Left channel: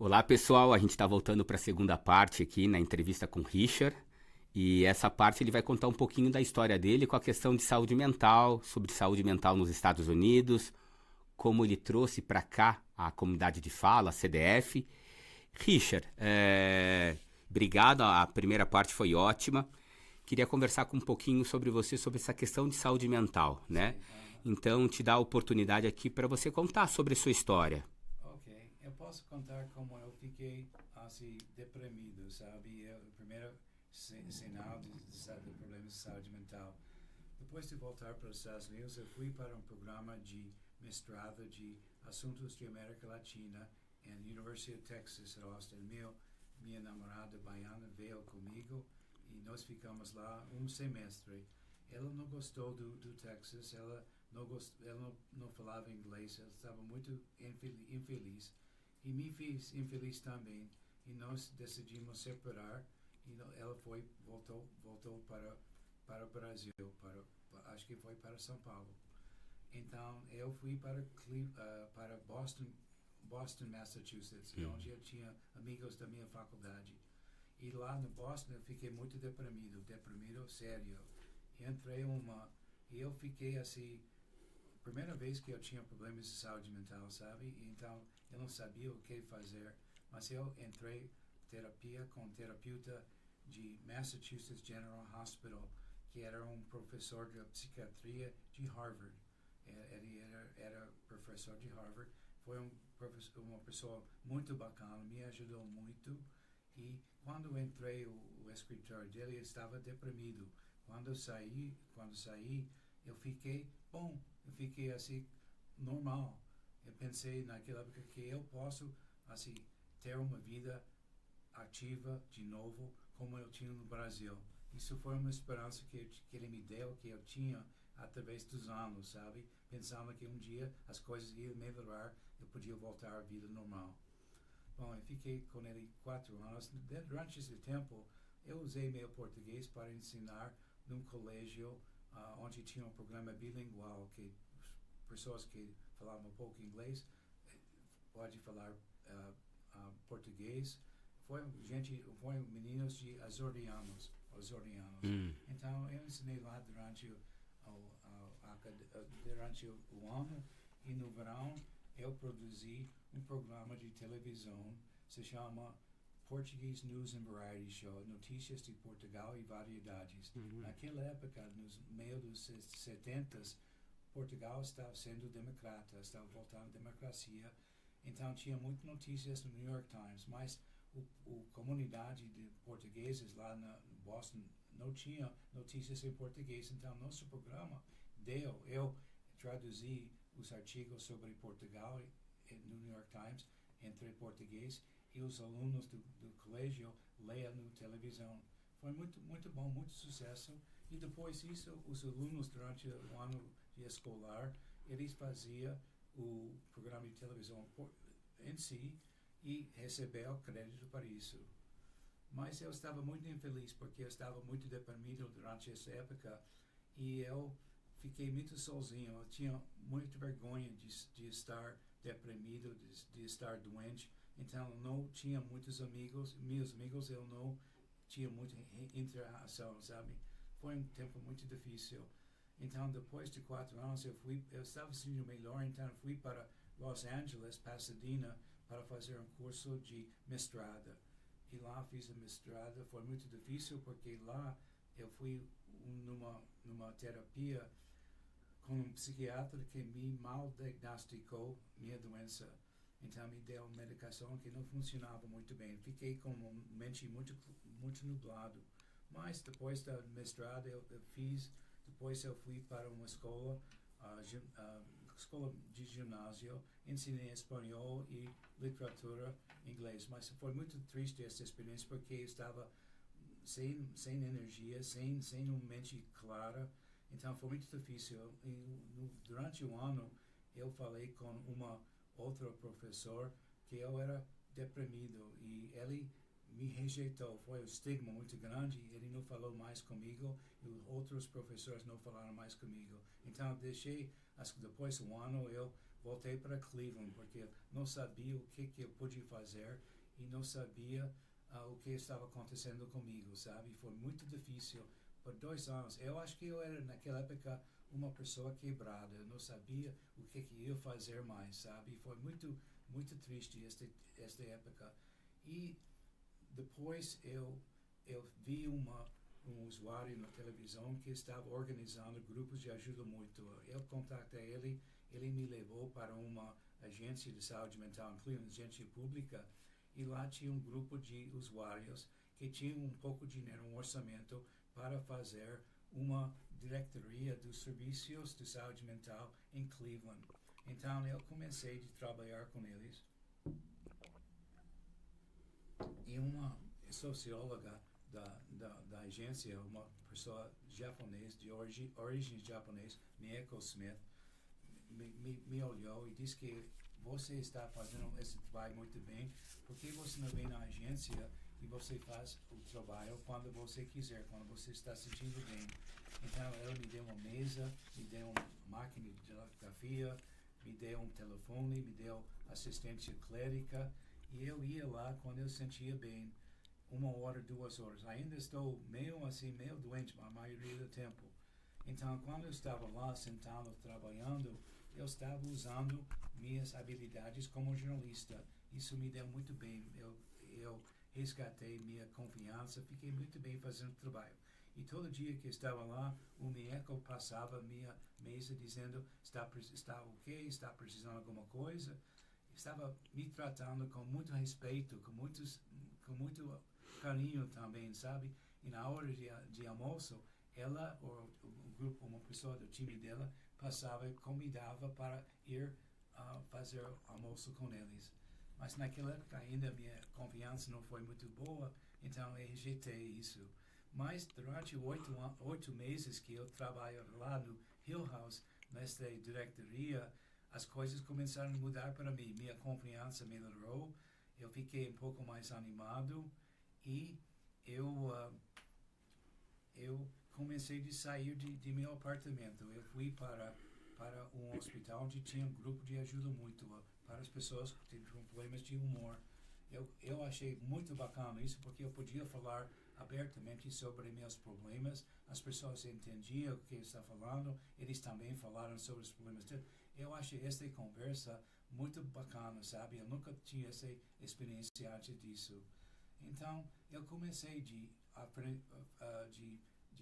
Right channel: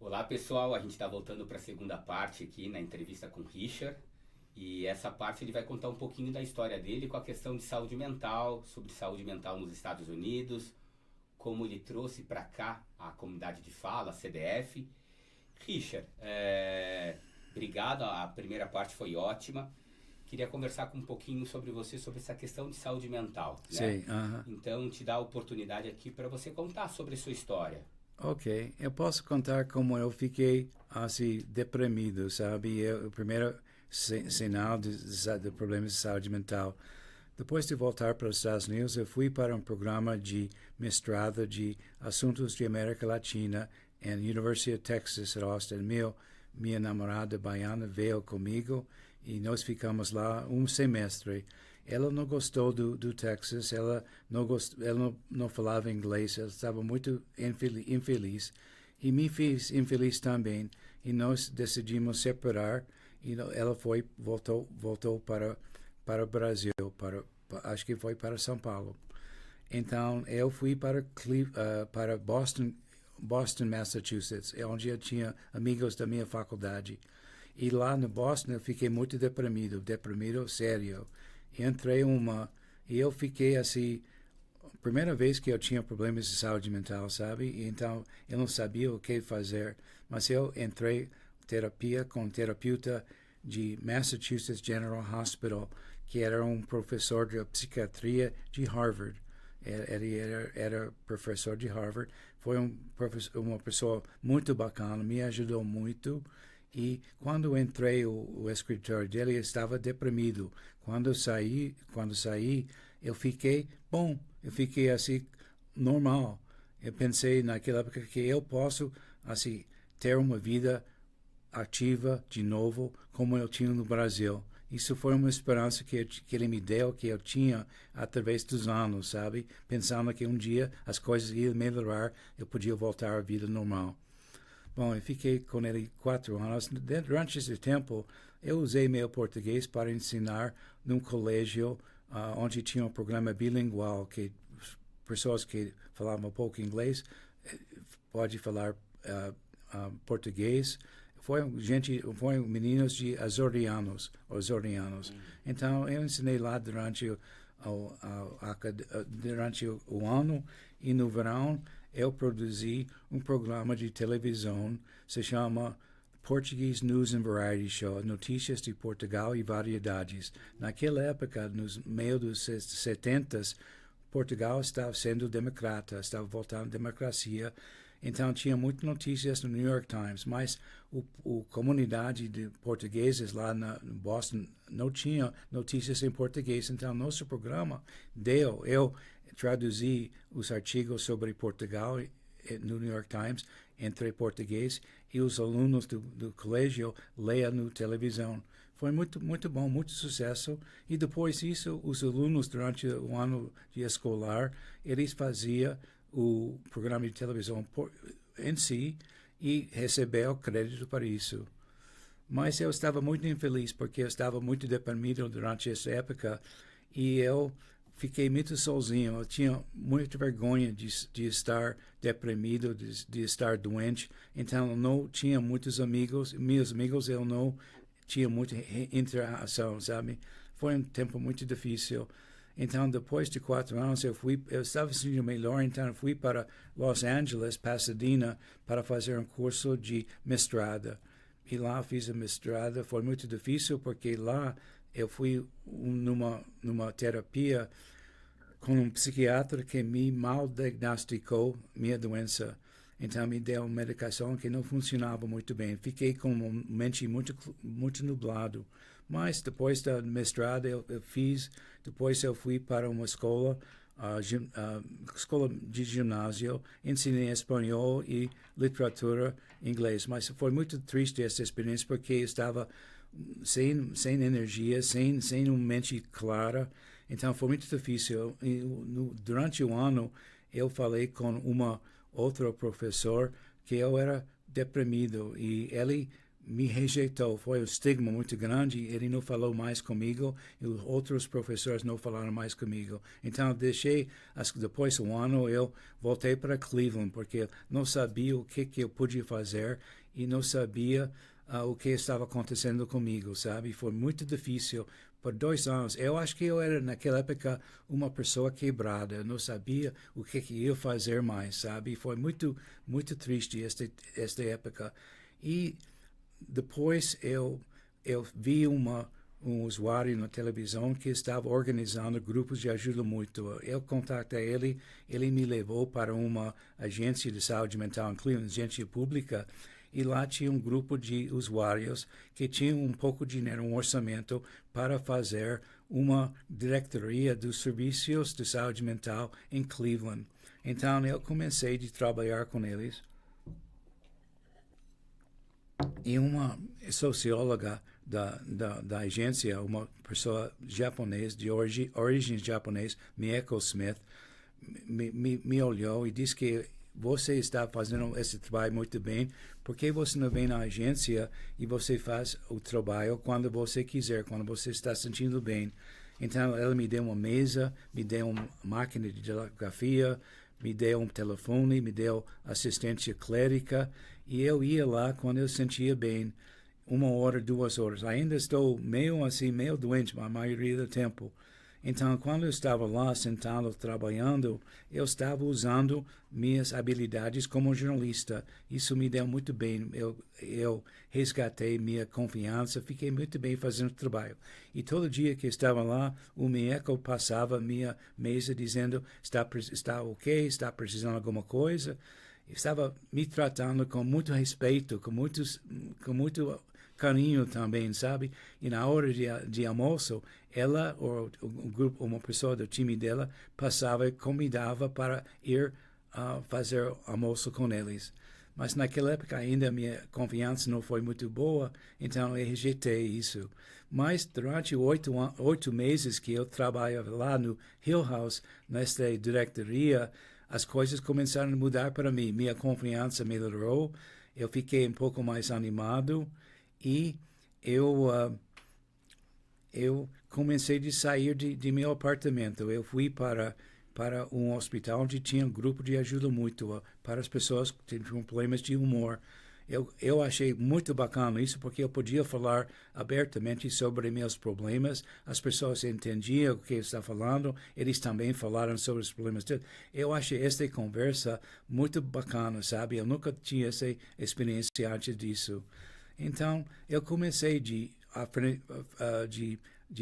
Olá pessoal, a gente está voltando para a segunda parte aqui na entrevista com o Richard. E essa parte ele vai contar um pouquinho da história dele com a questão de saúde mental, sobre saúde mental nos Estados Unidos, como ele trouxe para cá a comunidade de fala, a CDF. Richard, obrigado, a primeira parte foi ótima. Queria conversar com um pouquinho sobre você, sobre essa questão de saúde mental, né? Sei, aham. Então, te dar a oportunidade aqui para você contar sobre a sua história. Ok, eu posso contar como eu fiquei assim deprimido, sabe? O primeiro sinal de problemas de saúde mental. Depois de voltar para os Estados Unidos, eu fui para um programa de mestrado de assuntos de América Latina na University of Texas at Austin. Minha namorada baiana veio comigo e nós ficamos lá um semestre. Ela não gostou do Texas, ela não falava inglês, ela estava muito infeliz e me fez infeliz também. E nós decidimos separar e ela voltou para o Brasil, acho que foi para São Paulo. Então eu fui para Boston, Massachusetts, onde eu tinha amigos da minha faculdade. E lá no Boston eu fiquei muito deprimido sério. E eu fiquei assim, primeira vez que eu tinha problemas de saúde mental, sabe? E então eu não sabia o que fazer, mas eu entrei terapia com um terapeuta de Massachusetts General Hospital, que era um professor de psiquiatria de Harvard. Ele era professor de Harvard, foi uma pessoa muito bacana, me ajudou muito. E quando entrei o escritório dele, eu estava deprimido. Quando saí, eu fiquei assim normal. Eu pensei naquela época que eu posso assim ter uma vida ativa de novo como eu tinha no Brasil. Isso foi uma esperança que ele me deu, que eu tinha através dos anos, sabe? Pensando que um dia as coisas iam melhorar, eu podia voltar à vida normal. Bom, eu fiquei com ele 4 anos. Durante esse tempo, eu usei meu português para ensinar num colégio onde tinha um programa bilingual, que pessoas que falavam pouco inglês pode falar português. Foi meninos de azorianos. Então, eu ensinei lá durante o ano e no verão eu produzi um programa de televisão, se chama Portuguese News and Variety Show, Notícias de Portugal e Variedades. Naquela época, nos meio dos 70, Portugal estava sendo democrata, estava voltando à democracia. Então tinha muitas notícias no New York Times, mas a comunidade de portugueses lá no Boston não tinha notícias em português. Então nosso programa eu traduzi os artigos sobre Portugal no New York Times entre português e os alunos do colégio leiam na televisão. Foi muito bom, muito sucesso. E depois disso, os alunos, durante o ano de escolar, eles faziam o programa de televisão em si e receberam crédito para isso. Mas eu estava muito infeliz porque eu estava muito deprimido durante essa época e eu fiquei muito sozinho. Eu tinha muita vergonha de estar deprimido, de estar doente. Então, eu não tinha muitos amigos. Meus amigos, eu não tinha muita interação, sabe? Foi um tempo muito difícil. Então, depois de 4 anos, eu estava sentindo melhor, então eu fui para Los Angeles, Pasadena, para fazer um curso de mestrado. E lá fiz a mestrado, foi muito difícil, porque lá eu fui numa terapia com um psiquiatra que me mal diagnosticou minha doença. Então me deu uma medicação que não funcionava muito bem. Fiquei com uma mente muito nublado. Mas depois da mestrado depois eu fui para uma escola de ginásio, ensinei espanhol e literatura em inglês. Mas foi muito triste essa experiência porque eu estava sem energia, sem uma mente clara. Então foi muito difícil. Durante o ano eu falei com outro professor que eu era deprimido e ele me rejeitou. Foi um estigma muito grande. Ele não falou mais comigo e os outros professores não falaram mais comigo. Então, deixei, depois de um ano, eu voltei para Cleveland, porque não sabia o que eu podia fazer e não sabia o que estava acontecendo comigo, sabe? Foi muito difícil. Por 2 anos, eu acho que eu era, naquela época, uma pessoa quebrada. Eu não sabia o que ia fazer mais, sabe? Foi muito, muito triste esta época. E depois eu vi um usuário na televisão que estava organizando grupos de ajuda mútua. Eu contatei ele me levou para uma agência de saúde mental em Cleveland, agência pública, e lá tinha um grupo de usuários que tinham um pouco de dinheiro, um orçamento para fazer uma diretoria dos serviços de saúde mental em Cleveland. Então eu comecei a trabalhar com eles. E uma socióloga da agência, uma pessoa japonesa, de origem japonesa, Mieko Smith, me olhou e disse que você está fazendo esse trabalho muito bem, porque você não vem na agência e você faz o trabalho quando você quiser, quando você está sentindo bem. Então, ela me deu uma mesa, me deu uma máquina de datilografia, me deu um telefone, me deu assistência clínica, e eu ia lá quando eu sentia bem, 1 hora, 2 horas. Ainda estou meio doente a maioria do tempo. Então, quando eu estava lá sentado trabalhando, eu estava usando minhas habilidades como jornalista. Isso me deu muito bem. Eu resgatei minha confiança, fiquei muito bem fazendo o trabalho. E todo dia que estava lá, o Mieko passava minha mesa dizendo: está ok, está precisando de alguma coisa. Estava me tratando com muito respeito, com muito carinho também, sabe? E na hora de almoço, ela ou o grupo, uma pessoa do time dela passava e convidava para ir fazer almoço com eles. Mas naquela época ainda a minha confiança não foi muito boa, então eu rejeitei isso. Mas durante 8 meses que eu trabalhava lá no Hill House, nesta diretoria, as coisas começaram a mudar para mim. Minha confiança melhorou, eu fiquei um pouco mais animado e eu comecei a sair de meu apartamento. Eu fui para um hospital onde tinha um grupo de ajuda mútua para as pessoas que tinham problemas de humor. Eu achei muito bacana isso, porque eu podia falar abertamente sobre meus problemas, as pessoas entendiam o que eu estava falando, eles também falaram sobre os problemas deles. Eu achei esta conversa muito bacana, sabe? Eu nunca tinha essa experiência antes disso. Então, eu comecei de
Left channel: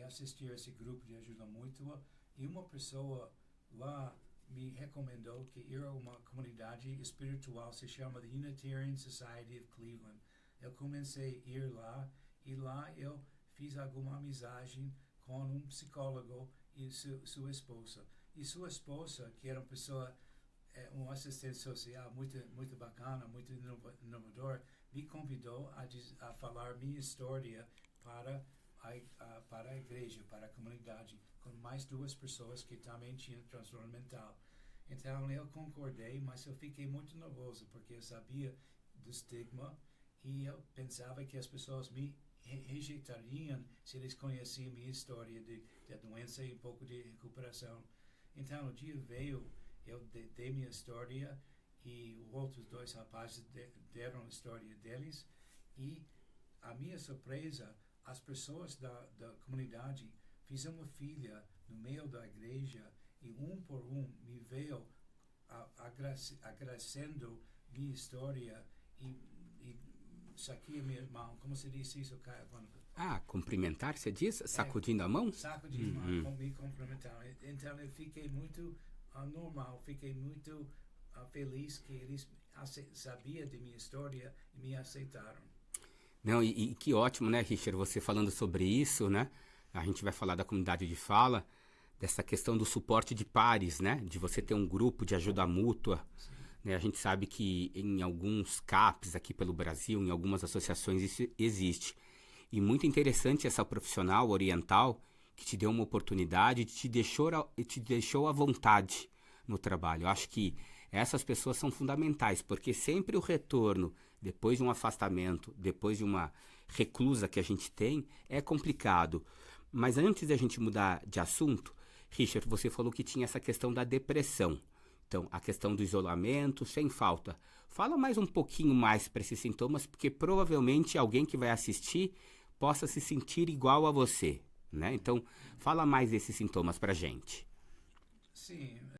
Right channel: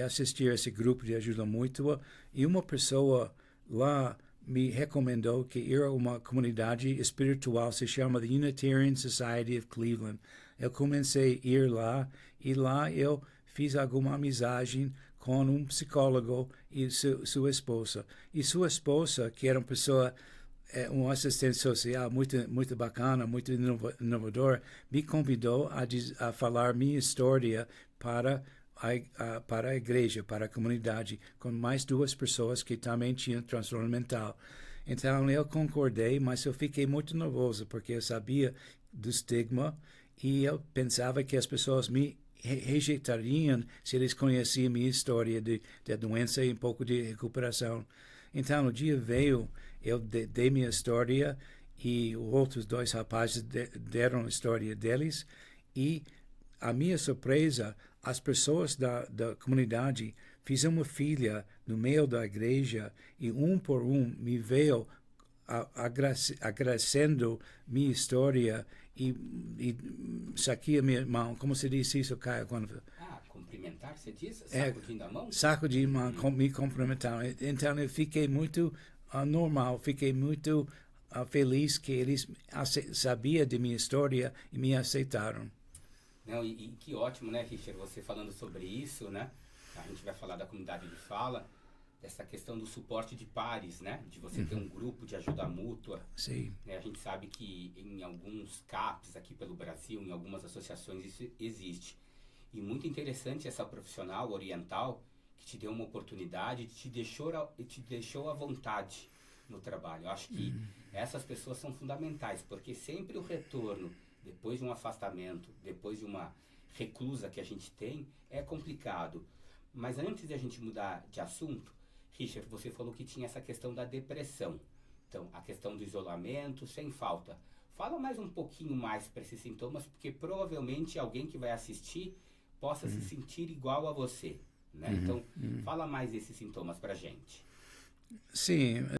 assistir a esse grupo de ajuda mútua, e uma pessoa lá me recomendou que ir a uma comunidade espiritual, se chama The Unitarian Society of Cleveland. Eu comecei a ir lá, e lá eu fiz alguma amizade com um psicólogo e sua esposa. E sua esposa, que era uma pessoa, um assistente social muito bacana, muito inovador, me convidou a falar minha história para a igreja, para a comunidade, com mais 2 pessoas que também tinham transtorno mental. Então eu concordei, mas eu fiquei muito nervoso, porque eu sabia do estigma e eu pensava que as pessoas me rejeitariam se eles conheciam minha história de doença e um pouco de recuperação. Então o dia veio, eu dei minha história e os outros 2 rapazes deram a história deles, e a minha surpresa, as pessoas da comunidade fizeram uma fila no meio da igreja e por me veio agradecendo minha história e saquia minha mão. Como se diz isso, Caio? Cumprimentar, você diz? Sacudindo a mão? Sacudindo a mão, me cumprimentando. Então eu fiquei muito normal, fiquei muito feliz que eles sabiam de minha história e me aceitaram. Não, e que ótimo, né, Richard, você falando sobre isso, né? A gente vai falar da comunidade de fala, dessa questão do suporte de pares, né? De você ter um grupo de ajuda mútua. Sim. Né? A gente sabe que em alguns CAPs aqui pelo Brasil, em algumas associações, isso existe. E muito interessante essa profissional oriental que te deu uma oportunidade, te deixou à vontade no trabalho. Eu acho que essas pessoas são fundamentais, porque sempre o retorno depois de um afastamento, depois de uma reclusa que a gente tem, é complicado. Mas antes da gente mudar de assunto, Richard, você falou que tinha essa questão da depressão. Então, a questão do isolamento, sem falta. Fala mais um pouquinho mais para esses sintomas, porque provavelmente alguém que vai assistir possa se sentir igual a você, né? Então, fala mais desses sintomas para gente. Sim,